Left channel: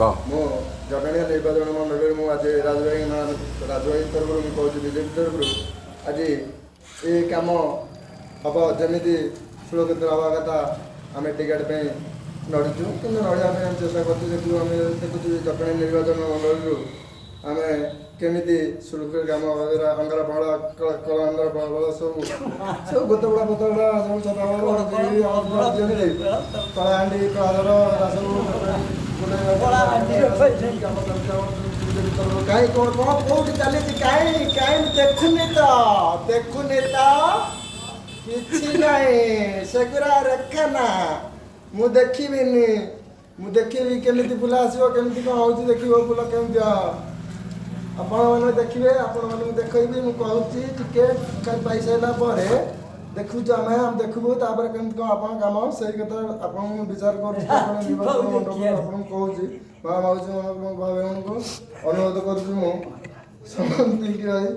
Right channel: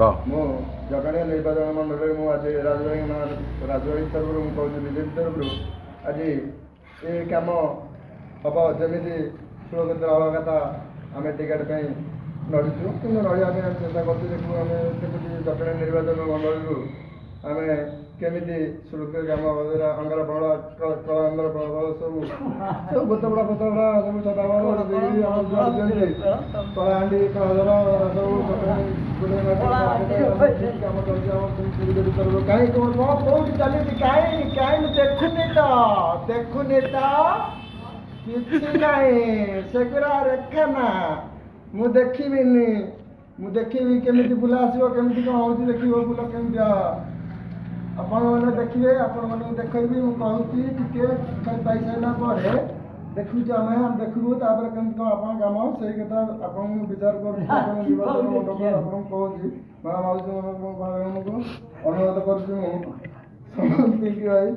ମୁଁ ଜଟଣୀ ନିର୍ବାଚନ ମଣ୍ଡଳୀରେ ମୁଁ ଆଜି ରାଜବାହୀ ତରଫରୁ ମୁଁ କହୁଛି ବିଜେପି ତରଫରୁ ଆଜି ଏ କାମ ହେବ ଯେମିତି ସୁରକ୍ଷିତ ହେବା କଥା ଆମେ ଟିକେଟ୍ ପାଇଁ ଲଢ଼ିଛୁ କିନ୍ତୁ ଲଢ଼ିବା ପାଇଁ ଆମେ ଚେଷ୍ଟା କରୁଛୁ ଯେହେତୁ ଆମେ ଦେଖୁଛୁ ଜଟଣୀ ନିର୍ବାଚନ ମଣ୍ଡଳୀରୁ ଆମେ କେମିତି ସୁରକ୍ଷିତ କାମ ଅଙ୍ଗାର ଫଳ କଳାଙ୍ଗର ଫଳ ସବୁ ଗୋଟେ ଗୁଡ଼ା ପତଗୁଡ଼ା ସବୁ କଳାହାଣ୍ଡି କଳାଧର ସବୁ କାମ ଚାଲିଛି କାହିଁ କ'ଣ କୋଉଠି ଚାଲିଛି କାହିଁ ଦେଖୁନି ତ କିଛି ନାହିଁ ସେଗୁଡ଼ା ରେଖା ନା ମୁଁ ଦେଖିବିନି ମୁଁ ଦେଖିବି କେମିତି ଫୁଲ ଆସିବ କେମିତି କ'ଣ ହେଉଛି ଦେଖିବ ଫୁଲ କେମିତି ଆପଣମାନେ ଦେଖିବେ ଆପଣମାନଙ୍କୁ ଦେଖେଇବି ମୁଁ କହୁଛି ଟିକେ ପାଇସାରିଲା ପରେ ଦେଖୁଛୁ ଆମେ ଦେଖିବୁ ତାପରେ କେମିତି କ'ଣ ଆପଣଙ୍କ କାମ ସେଇ କଥା ଆପଣଙ୍କୁ ବିଚାର କରୁଛୁ ଆପଣଙ୍କୁ କହୁଛି ମା ମାଉସୀ ଭାଇମାନଙ୍କୁ ଅନୁରୋଧ କରୁଛୁ ମୁଁ ସମସ୍ତେ ଭାଇ